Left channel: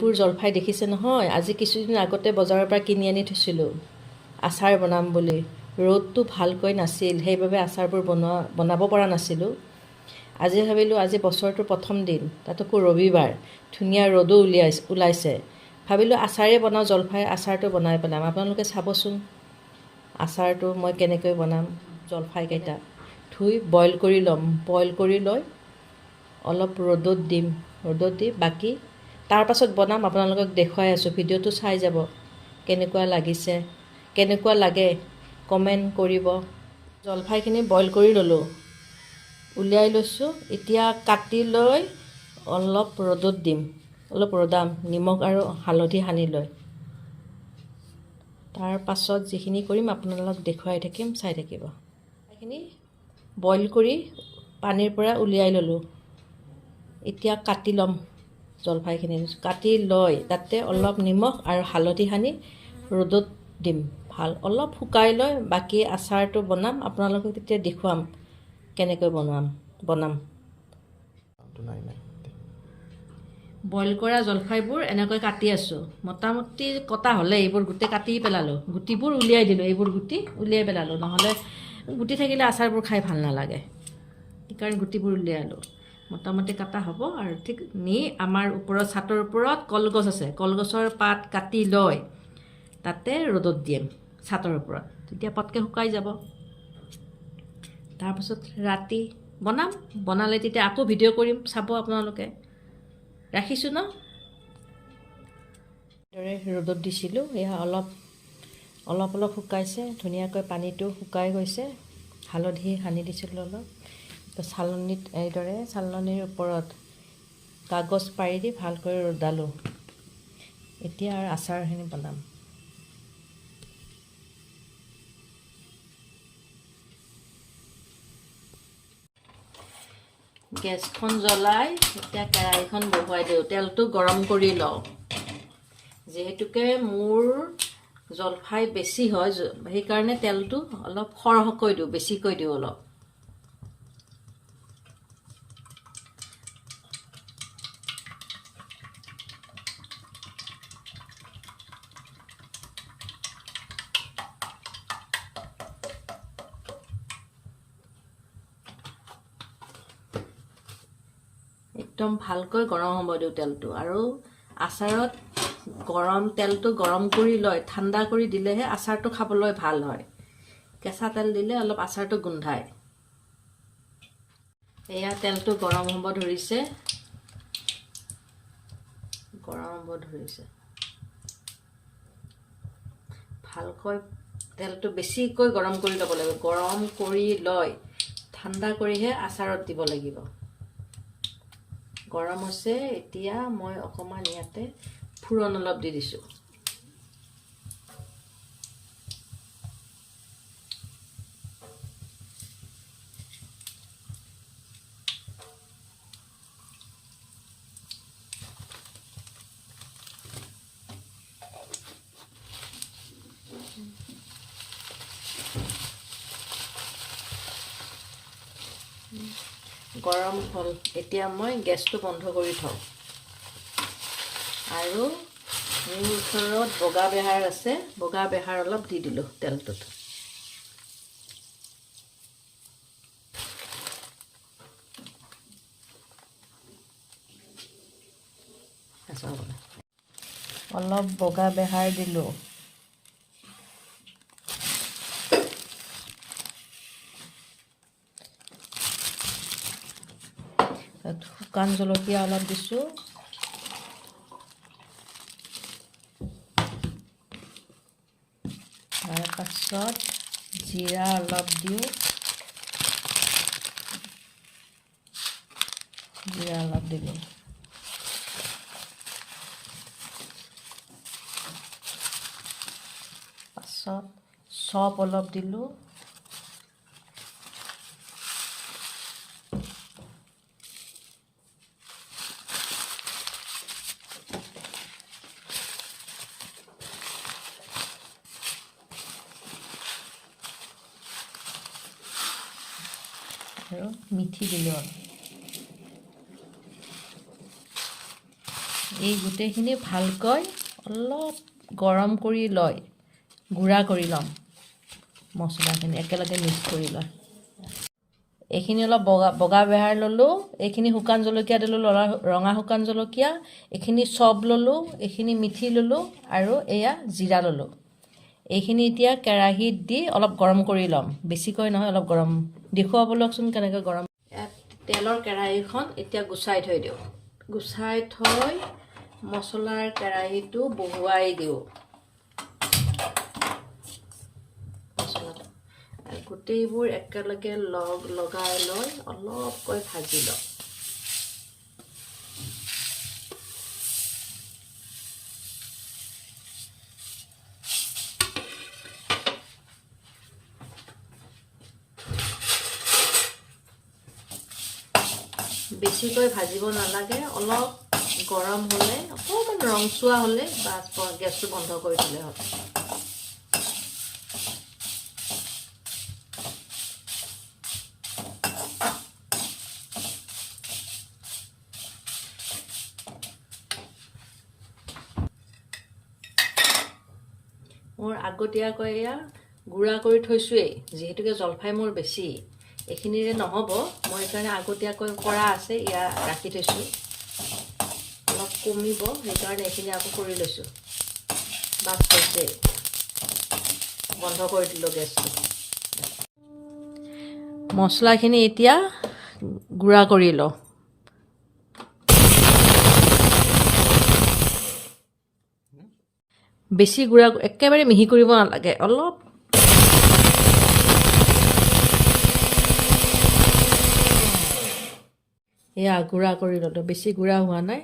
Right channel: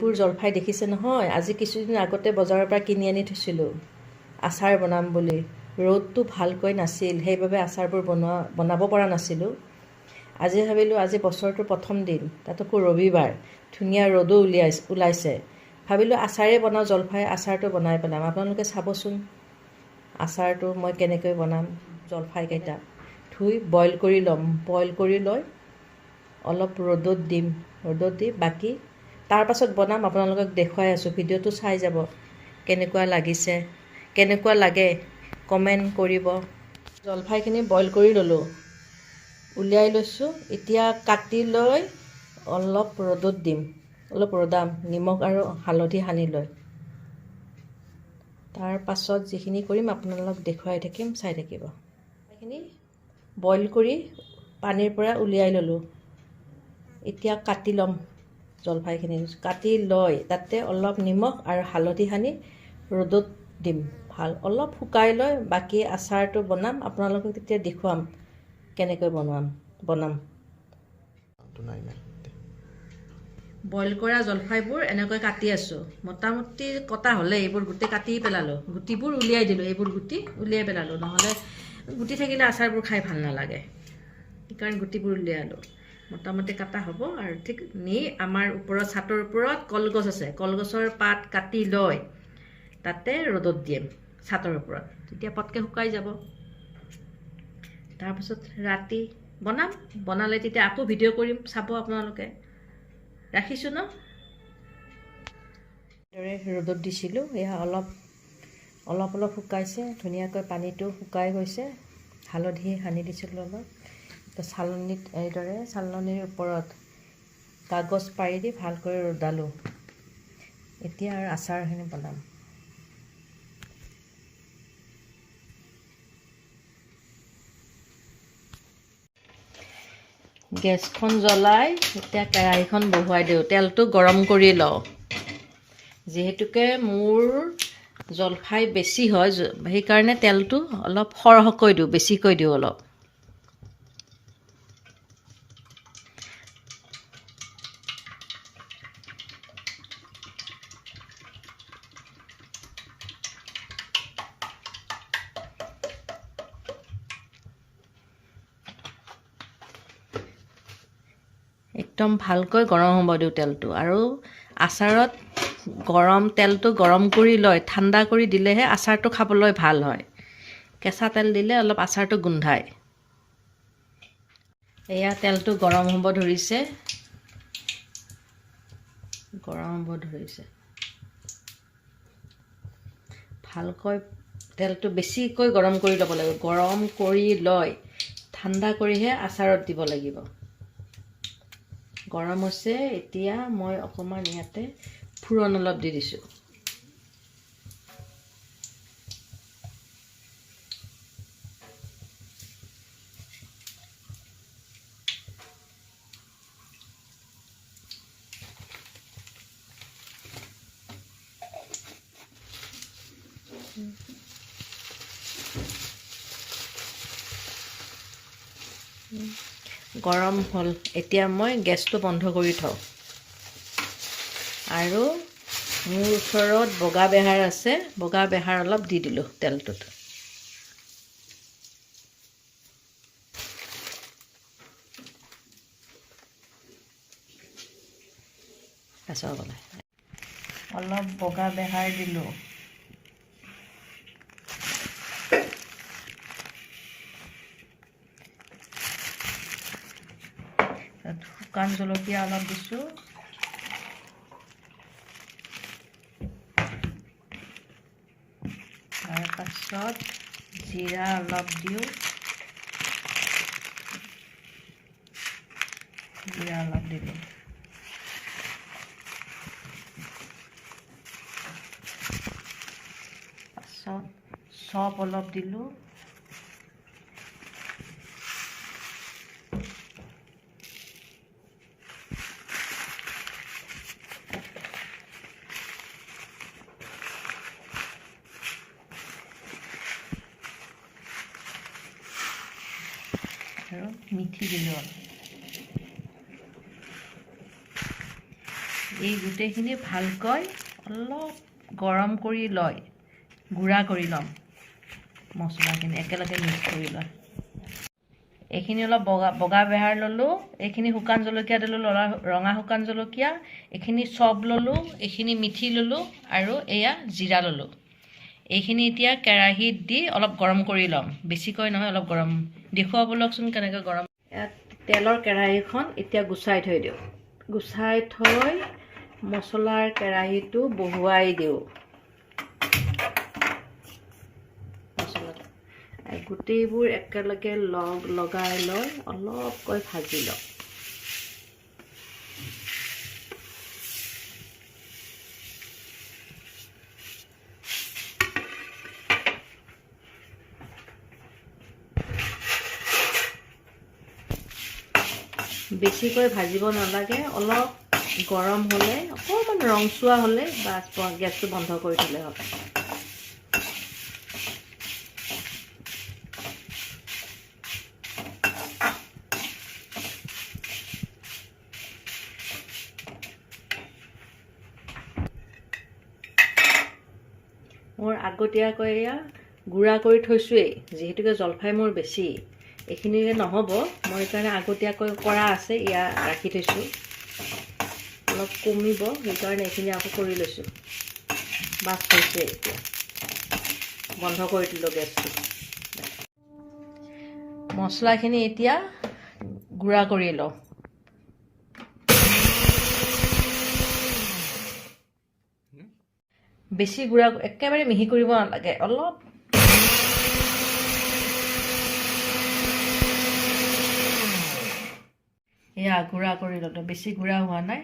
পুৰ জলফাই দেখিছে নহয় আজি কিছুদিন আগতে বজাৰৰ পৰা কিনি আনি থৈছিলোঁ আচাৰ বনাম বুলি ৰ'দটো ভালকৈ নাছিল সেইবাবে আচাৰবোৰ বনাব পৰা নাছিলোঁ আজি ভাবিলোঁ আজি বছৰটোৰ প্ৰথম দিন তাতোকো ৰবিবাৰ ধুনীয়া ৰ'দো ওলাইছে ভাবিলোঁ আচাৰে বনাওঁ জলফাই আচাৰটো বনাই পেলাম আপোনালোকে চাবচোন আচাৰটো মই কেনেকৈ বনাম জলফাইকেইটা ধুই বইল কৰি ল'ম বইল কৰি লৈ অলপ ৰ'দত দি বাকি তাৰ পাছত বনাম আপোনালোকক দেখুৱাই আছোঁ ভিডিঅ'টো চাই যাব কেনেকুৱা লাগিছে কেনেকুৱা লাগে কমেণ্ট কৰিব জলফাইখিনি বইল কৰি ল'লোঁ উলিয়াই লৈছোঁ এতিয়া কাটি লৈ অলপ ৰ'দত দিম অলপ ৰ'দাম নিমখ আৰু হালধি সানি লৈ তাৰ পাছত যিখিনি কৰিম আপোনালোকক দেখুৱাই থাকিম চাই থাকিব এইখিনি বইল কৰি পানীৰ পৰা উলিয়াই ল'লোঁ এতিয়া কাটি ল'ম জলফাইখিনি কাটি লৈ তাতে অলপ নিমখ আৰু হালধি সানি ৰ'দত দিম ভাল অলপ শুকাই লৈ বাকি আচাৰটো বনাম আপোনালোকক তেতিয়া দেখুৱাম কেনেকৈ বনাম বইল কৰা জলফাইবোৰ এনেকৈ কাটি আছোঁ মোটামুটি কটা হ'লে এইবোৰ গোটেই কাটি পেলালোঁ গুটিবোৰ উলিয়াই দিলোঁ এইবোৰ গুটি উলিয়াই পেলালোঁ নহ'লে গুটি থাকিলে আচাৰবোৰ খাই ভাল নালাগে সেইকাৰণে গুটিবোৰ উলিয়ালোঁ মোটামুটি কাটা হ'ব আৰু ঠিক নি আমাৰ ওপৰত ছাটৰ ওপৰত কলগছ আছে কলগছৰ পাত কাটি লৈ তাতে ৰ'দত দিম ছাটৰ ওপৰত তেতিয়া পটকৈ শুকাই যাব তাৰপিছত ৰাতি বনালে তেতিয়া আকৌ ভিডিঅ' কৰিম চাব আপোনালোকে ৰাখিছোঁ ন দৰে ৰ'দত দিছিলোঁ এয়া অলপ শুকাইছে ধুনীয়াকৈ পানীটো শুকাই গৈছে হালধি সানি দিছিলোঁ অলপ চালনীত এইদৰে চালনীৰ ওপৰত কাগজ পাৰি দি ভালকৈ ৰ'দালোঁ এতিয়া আৰু আচাৰখিনি বনাম গেছখন জ্বলাই এতিয়া কেৰাহীখন বহুৱাই দিওঁ তেলটো গৰম কৰি লওঁ যিহেতুকে মোৰ জলফাই বেছি হয় সেইকাৰণে তেলটো অলপ সৰহকৈ দিওঁ বেছিকৈ দিওঁ অলপ একদম ভালকৈ গৰম হ'ব দিওঁ তেলটো আৰু আচাৰত তেলটো গৰম কৰি লৈ ঠাণ্ডা কৰি দিলেহে আচাৰটো খাবলৈ ভাল হয় কেঁচা তেল দিলে অলপ আচাৰটো গোন্ধায় এয়া তেলটো গৰম হ'ব ধৰিছে ভালকৈ তেলটো বেছিকৈ গৰম কৰি ল'ব লাগিব গৰম কৰি লৈ ঠাণ্ডা কৰিহে আচাৰত দিব লাগিব গৰম হৈছে এতিয়া মই অকণমান ইয়াতে ফুৰণ অলপ দি দিছোঁ গৰম হ'ল এতিয়া মই গেছটো বন্ধ কৰি থওঁ আৰু মোৰ ওচৰত বগা বেহাৰ আছে বগা বেহাৰ অলপ দি দিলোঁ তেলটোত অলপ বগা বেহাৰ দিলোঁ শুকান জলকীয়া অলপ দিছোঁ তাৰপাছত জিৰা অলপ দিওঁ দিলোঁ পাছত চপ অলপ দিলোঁ আৰু মিঠি দিলোঁ এই গোটেইখিনি ভালকৈ অলপ গৰম কৰি লয় গুড়া কৰি ল'ম মছলাখিনি একেলগে মিক্স কৰি লয় এইখিনি অলপ বগা বেহাৰ ল'লোঁ এইখিনি শুকান জলকীয়া দিলোঁ ৰঙা শুকান জলকীয়া এইখিনি চব ল'লোঁ এইখিনি মিঠি ল'লোঁ আৰু এয়া জিৰা ল'লোঁ এইখিনি এতিয়া কেৰাহীত দি অলপ গৰম কৰি ল'ম বেছিকৈ নহয় অলপ গৰম দেখুৱাব লওকচোন কেনেকৈ গৰম তেলৰ কেৰাহীখন এতিয়া গুচাই থৈ দিওঁ গুচাই থৈ মছলাৰ কেৰাহীটো বহুৱাই দিওঁ গোটেইবোৰ একেলগে লগাই লৈ অলপকৈ ভাজি লওঁ বেছিকৈ ভাজিব নালাগে অলপ গৰম হ'লে অকণমান ৰংচুৱা হ'লে বাছ গেছটো বন্ধ কৰি দিলে হ'ল মোৰ আগতীয়াকৈ এয়া গুড়া কৰি থৈছোৱেই যিহেতুকে জলফাই মোৰ বেছি এইখিনিৰে নহ'ব মই সেইকাৰণে আগতীয়াকৈ কৰা আছে এয়া ৰাখি থৈছোঁ অলপ কমিব সেইকাৰণে এইখিনি আকৌ কৰি লৈছোঁ বাছ হৈছে বন্ধ কৰি দিলোঁ গেছটো মছলাখিনি এতিয়া গুড়া কৰি লওঁ বেছি গুড়া একেবাৰে মিহি কৰিব নালাগে অলপ এয়া গুড়া কৰি ল'লোঁ বেছি গুড়া হোৱা নাই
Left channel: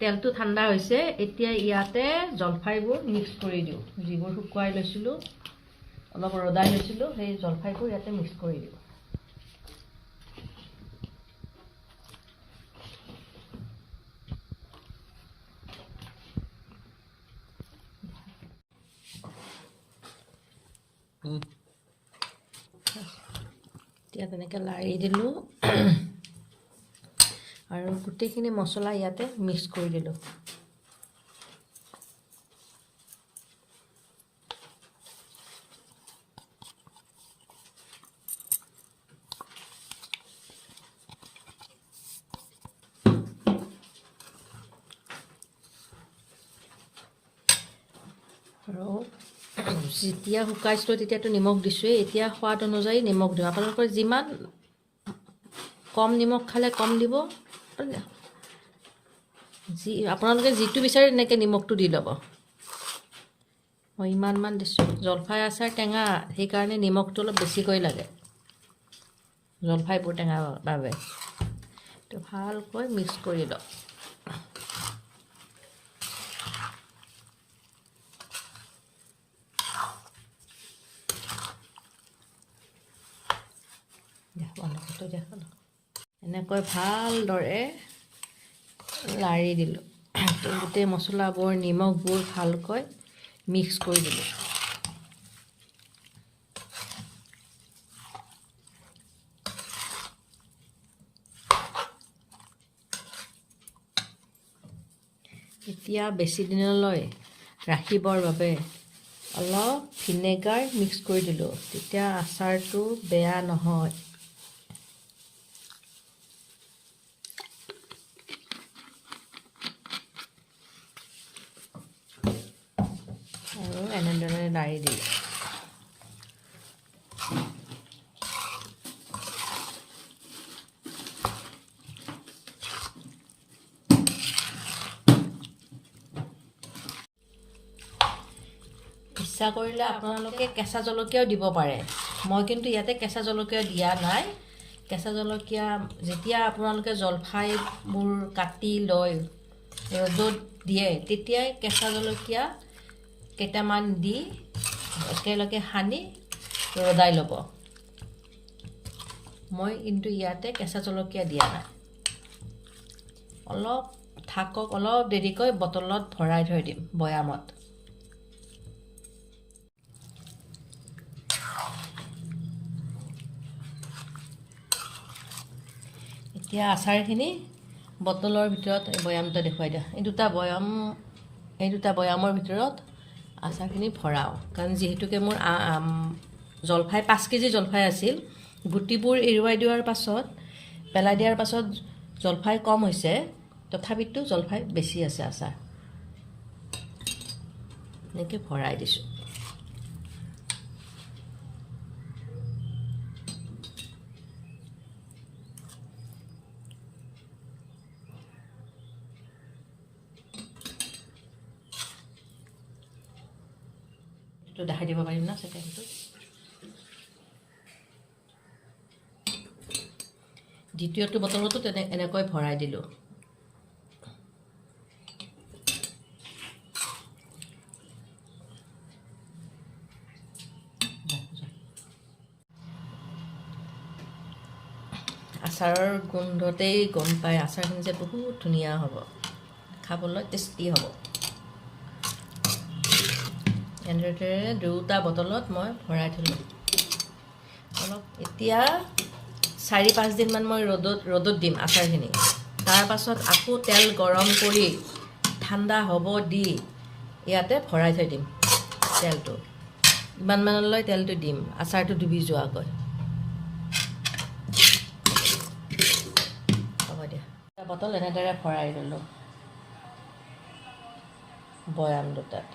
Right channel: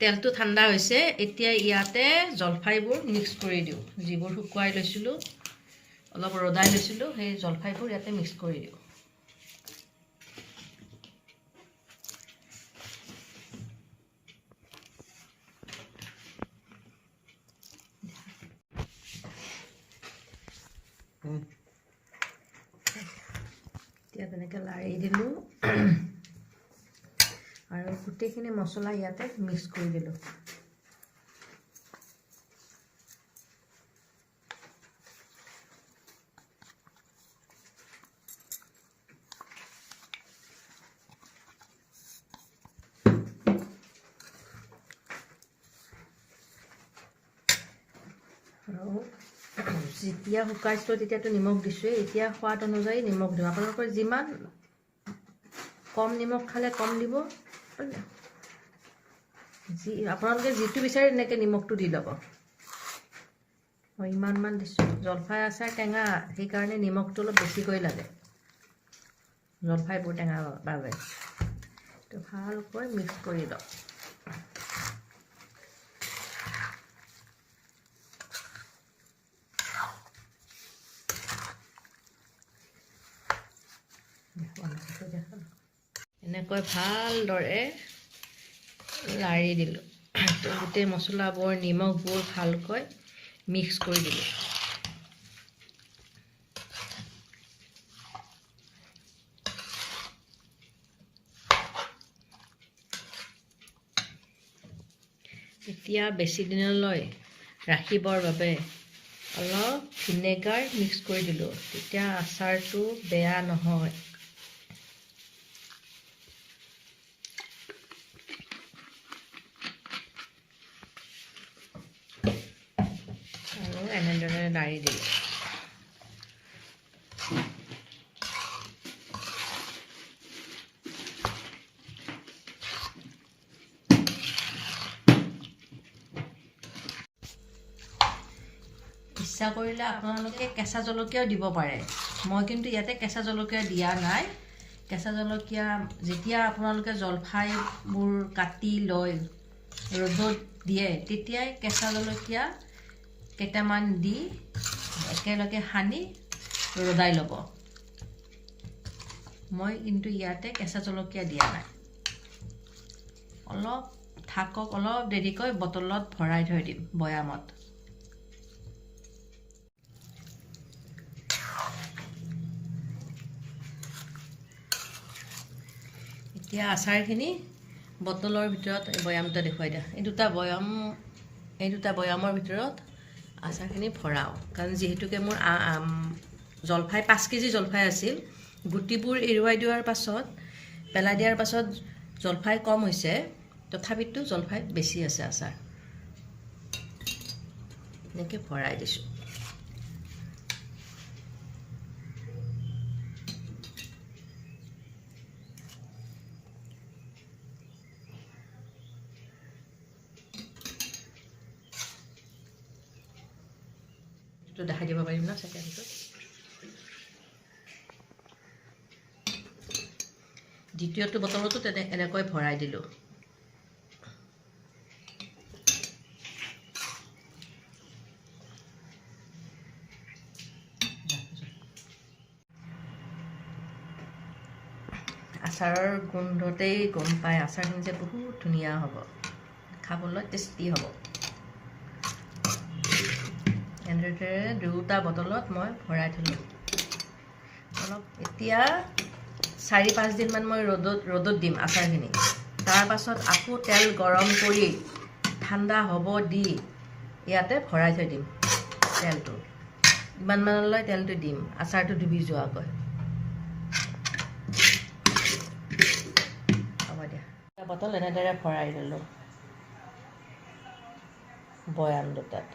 তেলটো ঠাণ্ডা হৈছে এতিয়া ইয়াতে জলফাইবোৰ মিক্স কৰি দিওঁ যিবোৰ শুকুৱাই লৈছিলোঁ অলপ ৰদাই লৈছিলোঁ সেই জলফাইবোৰ ইয়াতে মিক্স কৰি দিওঁ এতিয়া তেনেকৈ লাৰি দিলোঁ আৰু গোটেইখিনি মছলা ইয়াতে মিক্স কৰি দিলোঁ আৰু যেতিয়া শুকাইছিলোঁ তেতিয়াতো নিমখ দিছোঁৱেই এতিয়া সোৱাদ অনুযায়ী নিমখ দিওঁ আপোনালোকৰ যিমান কম নিমখ খালে কম দিব আপোনালোকে যিটো বিচাৰে তেনেকৈ নিমখটো দি ল'ব মই ইমানমান দিছোঁ জলফাই আচাৰ টেঙা সেইকাৰণে নিমখটো অলপ বেছিকৈ লাগে জলফাইবোৰ টেঙাৰ বাবে তো ভালকৈ মিক্স কৰি লওঁ এনেকৈ ভালদৰে লাৰি দিলোঁ গোটেই মছলাবোৰ নিমখবোৰ ভালকৈ মিক্স কৰি দিলোঁ এতিয়া বেছি দিনলৈ ৰাখিবৰ বাবে অলপ ভিনেগাৰ মিক্স কৰি দিলোঁ তেতিয়া আচাৰটো বেয়া নহয় আৰু এনেদৰে লাৰি দিলোঁ ইচ্ছা কৰিলে আপোনালোকে কেঁচা জলকীয়াও দিব পাৰে মই কিন্তু ইয়াতে কেঁচা জলকীয়া দিয়া নাই কেঁচা জলকীয়া যেতিয়া আপোনালোকে জলফাইবোৰ কাটি লৈ ৰ'দত দিয়ে তেতিয়াই কেঁচা জলকীয়া কেইটামান দি একেলগে সানি ৰদাই ল'ব মই কিন্তু ইয়াতে কেঁচা জলকীয়া দিয়া নাই অলপ থাকক অলপ দেৰিকৈ বটলত ভৰাই থৈ দিম বয়ামত এতিয়া আচাৰখিনি বটলৰ ভিতৰত বয়ামটা দেখুৱাই দিয়া এই দুটা বয়ামৰ ভিতৰত আচাৰখিনি ভৰাও কাৰণ যেহেতুকে মোৰ জলফাই 5 কেজি জলফাই আছিল গুটিবোৰ এৰুৱাই দিয়াৰ পাছত পেলাই দিয়াৰ পাছত জলফাই কম হৈছে তথাপিতো জলফাই বেছি আছে আচাৰ এনেকৈ ভৰাই দিছোঁ তো দেখাই দিব পাৰিম না ছেকেণ্ডটো দ্বিতীয়টো বটলতো এনেকৈ ভৰাই দিলোঁ আচাৰৰ গোন্ধতেই গম পায় আচাৰখিনি যে বহুত ধুনীয়া হ'ব খাবলৈ টেষ্টি হ'ব এনেদৰে দুটা বটলত মই ভৰাই থলোঁ অলপ এতিয়া 4-5 দিনমান মই ৰ'দত দিম আচাৰখিনি তাৰ পাছত আকৌ তেল গৰম কৰি ঠাণ্ডা হ'ব দি ইয়াতে ভৰাই থৈ দিম তেলটো ইমানমানলৈ তেলটো দিম আচাৰটো ডুবি যোৱাকৈ হ'ব দিয়া বটল এনেদৰে ভৰাই দিলোঁ বয়াম দুটাত